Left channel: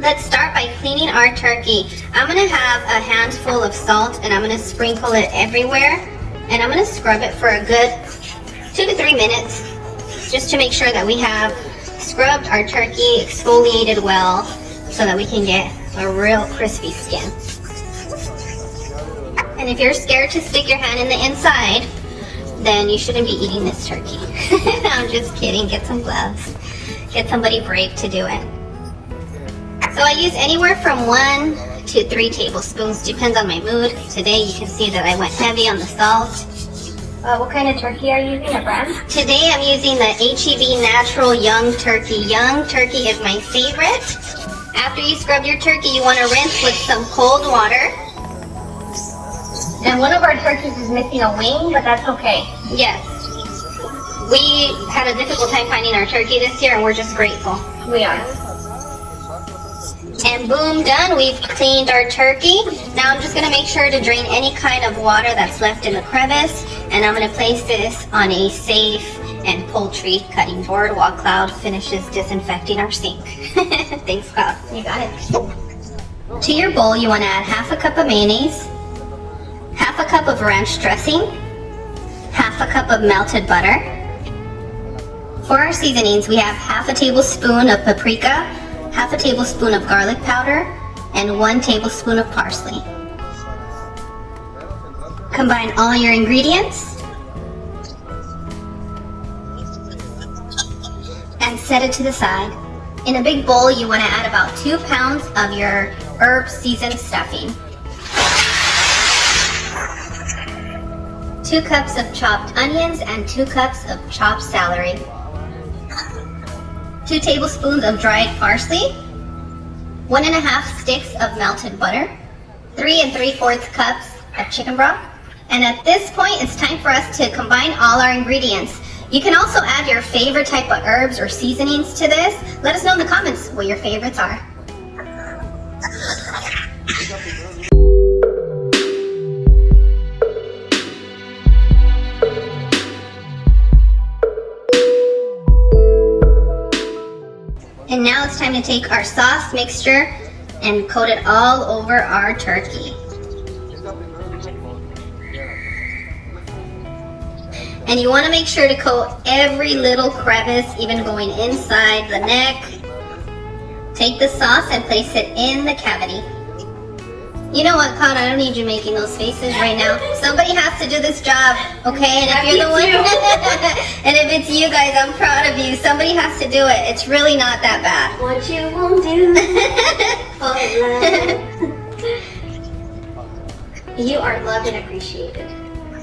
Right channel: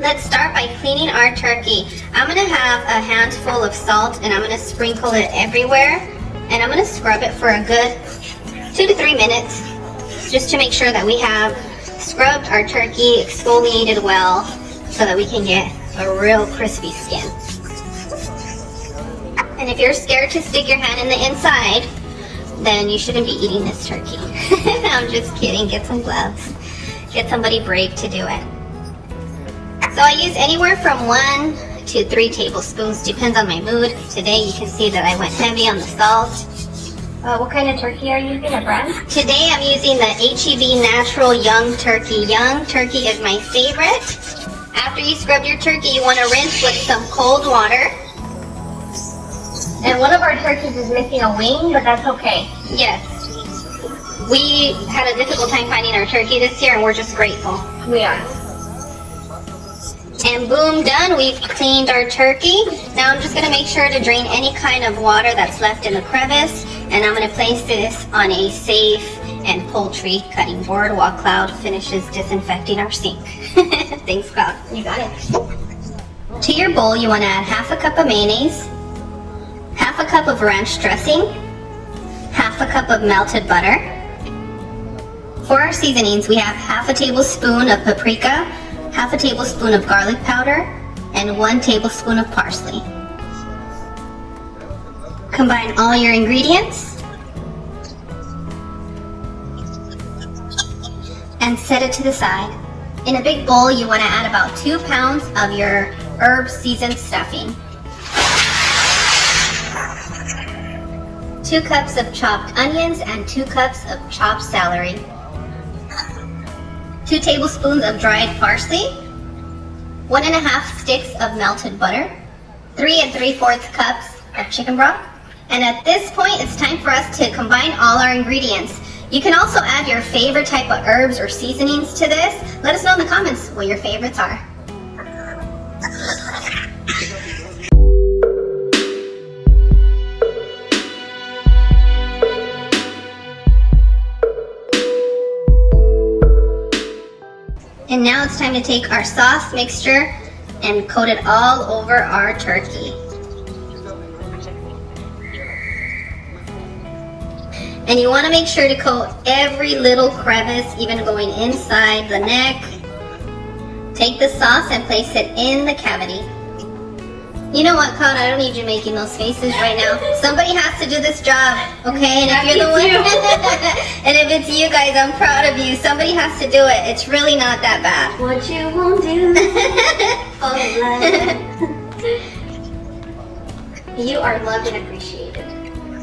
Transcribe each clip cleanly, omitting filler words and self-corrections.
Let's start by cleaning our turkey. I'm gonna have a handful of salt and I'm gonna sprinkle it everywhere. And I'm gonna scrub it for a good 2 to 3 minutes, just to make sure that we have scrubbed our turkey, exfoliated well, so that we can get a real crispy skin. And if you're scared to stick your hand in the inside, then you shouldn't be eating this turkey. I'm just kidding, get some gloves. Get somebody brave to do it. So I use anywhere from 1 to 3 tablespoons, depends on my mood. Today you can see that I went heavy on the salt. What kind of turkey are you using, a brand? Today I'm using the HEB Natural Young Turkey. Young Turkey is my favorite. After you scrub your turkey, you want to rinse with some cold water. And one of our turkeys is missing a wing, but that's okay. Yes. We had a difficult time finding our turkey this year and we're just grateful. We are. And boom, done. We've cleaned our turkey. Now I'm just going to make sure to drain any kind of water that's left in the crevice. And I'm going to place this on a safe and poultry cutting board while Cloud finishes disinfecting our sink. Thanks, Cloud. You got it. To your bowl, you want to add half a cup of mayonnaise, half a cup of ranch dressing, half a cup of melted butter. For our seasonings, we have half a tablespoon of paprika, half a tablespoon of garlic powder, and 1 tablespoon of parsley. Combine all your ingredients and set it to the side. In a big bowl, you want to add about 2 pounds of your herb seasoned stuffing, 2 cups of chopped onions and 2 cups of chopped celery, 2 tablespoons of dried parsley, 1½ sticks of melted butter, 3 3/4 cups of chicken broth. And at this point, it's time for us to combine all our ingredients. You can also add your favorite type of herbs or seasonings to this. Let us know in the comments what your favorites are. And now it's time to take our sauce mixture and coat it all over our turkey. And you want to make sure to coat every little crevice, even going inside the neck. Take the sauce and place it in the cavity. You know what, Cloud? I don't need you making those faces right now. Somebody has to do this job, okay? And if you're the one, and if it's you guys, I'm proud of you. Somebody has to do it. It's really not that bad. What you won't do. You are loved and appreciated.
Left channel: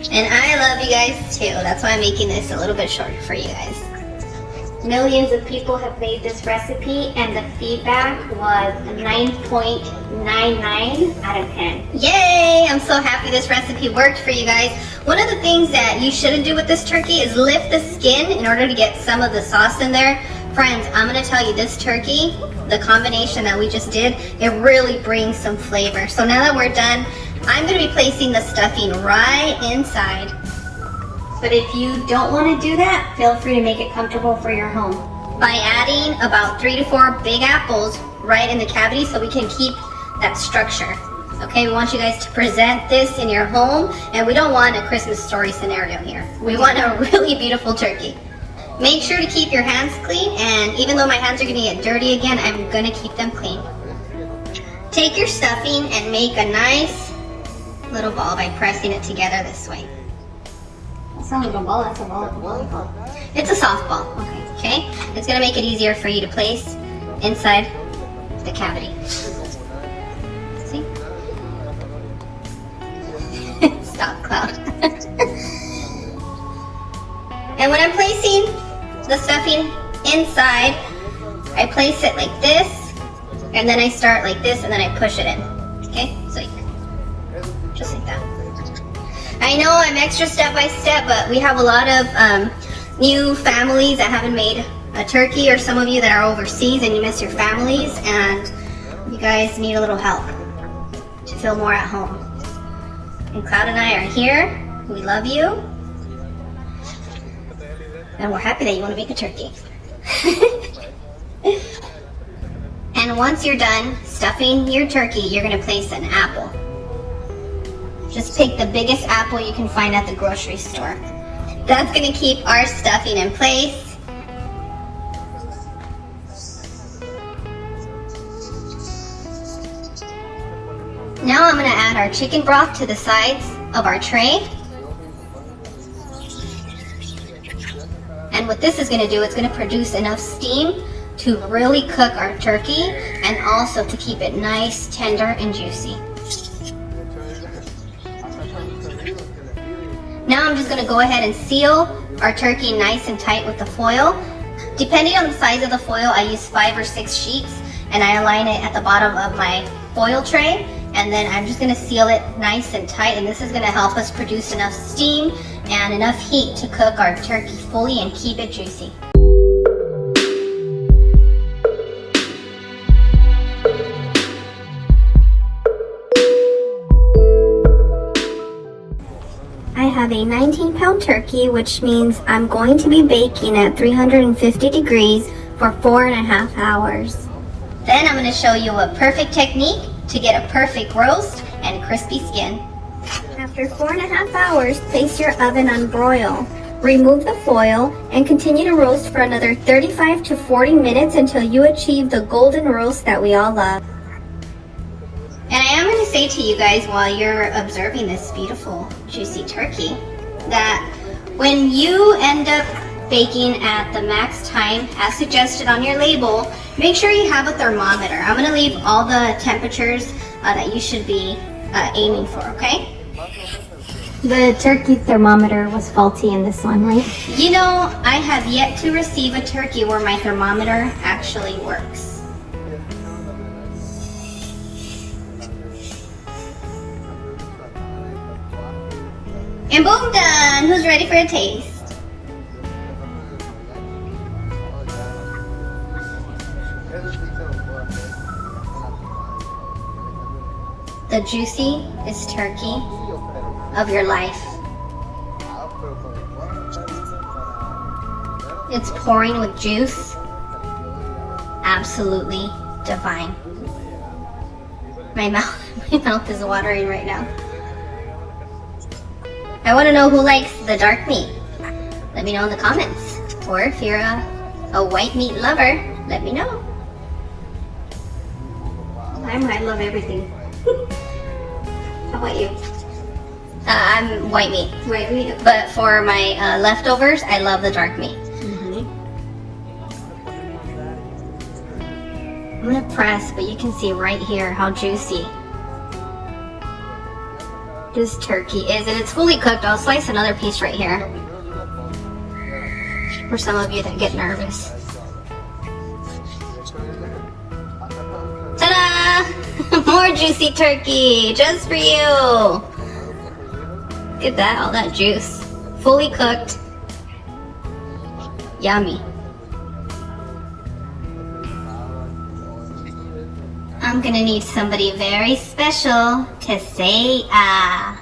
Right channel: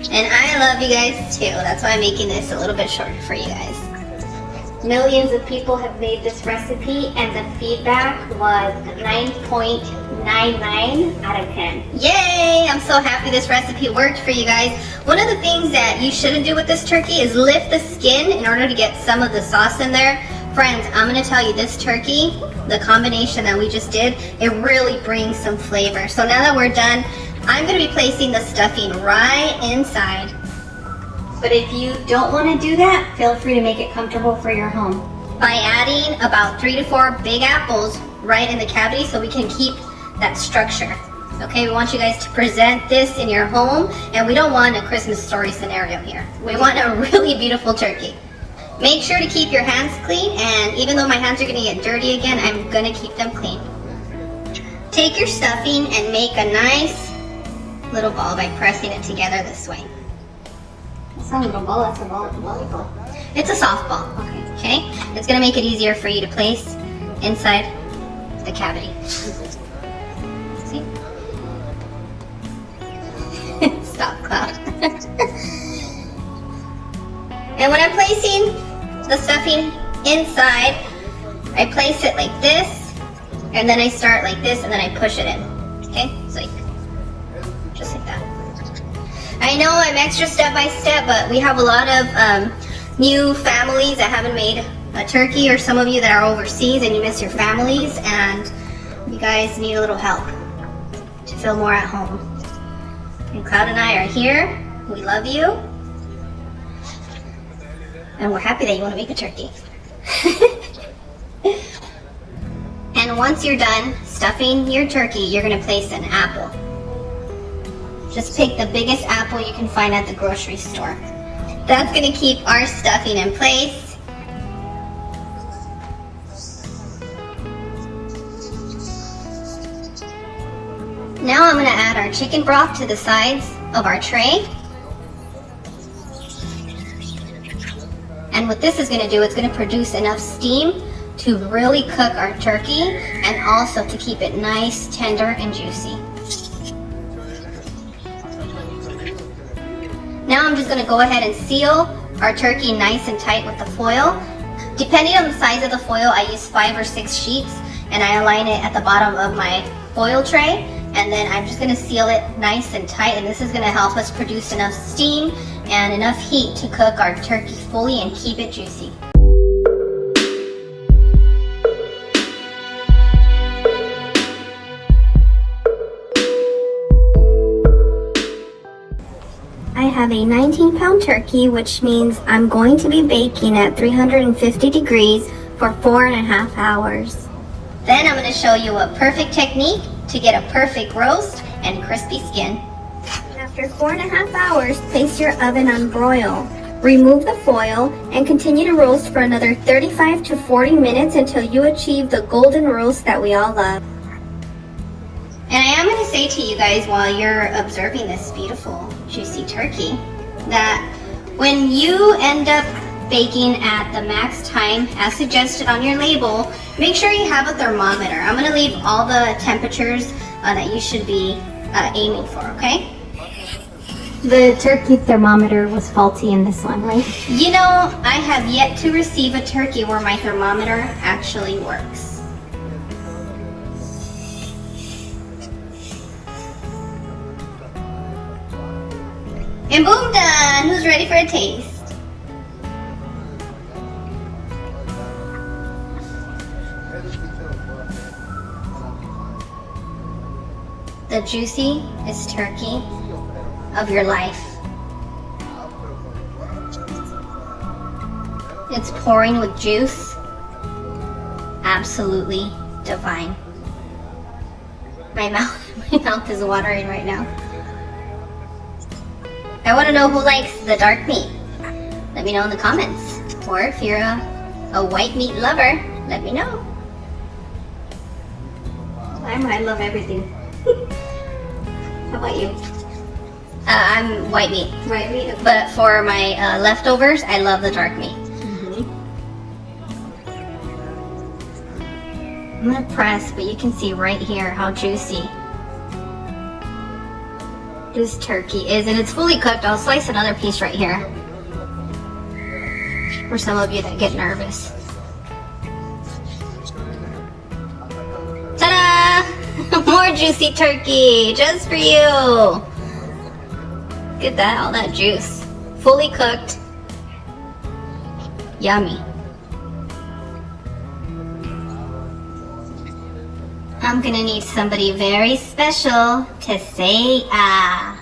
And I love you guys too. That's why I'm making this a little bit short for you guys. Millions of people have made this recipe and the feedback was 9.99 out of 10. Yay! I'm so happy this recipe worked for you guys. One of the things that you shouldn't do with this turkey is lift the skin in order to get some of the sauce in there. Friends, I'm going to tell you, this turkey, the combination that we just did, it really brings some flavor. So now that we're done, I'm going to be placing the stuffing right inside. But if you don't want to do that, feel free to make it comfortable for your home by adding about 3 to 4 big apples right in the cavity so we can keep that structure. Okay, we want you guys to present this in your home, and we don't want a Christmas story scenario here. We want a really beautiful turkey. Make sure to keep your hands clean, and even though my hands are going to get dirty again, I'm going to keep them clean. Take your stuffing and make a nice little ball by pressing it together this way. It's not like a ball, that's a volleyball. It's a softball, okay? It's going to make it easier for you to place inside the cavity. See? Stop, Cloud. And when I'm placing the stuffing inside, I place it like this, and then I start like this, and then I push it in. Okay? So just like that. I know I'm extra step by step, but we have a lot of new families that haven't made a turkey, or some of you that are overseas and you miss your families, and you guys need a little help to feel more at home. And Cloud and I are here. We love you. And we're happy that you want to make a turkey. And once you're done stuffing your turkey, you're gonna place an apple. Just pick the biggest apple you can find at the grocery store. That's gonna keep our stuffing in place. Now I'm gonna add our chicken broth to the sides of our tray. And what this is gonna do, it's gonna produce enough steam to really cook our turkey and also to keep it nice, tender, and juicy. Now I'm just gonna go ahead and seal our turkey nice and tight with the foil. Depending on the size of the foil, I use 5 or 6 sheets, and I align it at the bottom of my foil tray. And then I'm just gonna seal it nice and tight, and this is gonna help us produce enough steam and enough heat to cook our turkey fully and keep it juicy. I have a 19-pound turkey, which means I'm going to be baking at 350 degrees for 4.5 hours. Then I'm going to show you a perfect technique to get a perfect roast and crispy skin. After 4.5 hours, place your oven on broil. Remove the foil and continue to roast for another 35 to 40 minutes until you achieve the golden roast that we all love. And I am going to say to you guys while you're observing this beautiful, juicy turkey, that when you end up baking at the max time as suggested on your label, make sure you have a thermometer. I'm going to leave all the temperatures that you should be aiming for, okay? The turkey thermometer was faulty in this one, right? You know, I have yet to receive a turkey where my thermometer actually works. And boom, done! Who's ready for a taste? The juiciest turkey of your life. It's pouring with juice. Absolutely divine. My mouth is watering right now. I want to know who likes the dark meat. Let me know in the comments. Or if you're a white meat lover, let me know. I love everything. How about you? I'm white meat. White meat? But for my leftovers, I love the dark meat. I'm gonna press, but you can see right here how juicy this turkey is. And it's fully cooked. I'll slice another piece right here for some of you that get nervous. Ta-da! More juicy turkey just for you. Look at that, all that juice. Fully cooked. Yummy. I'm gonna need somebody very special to say ah.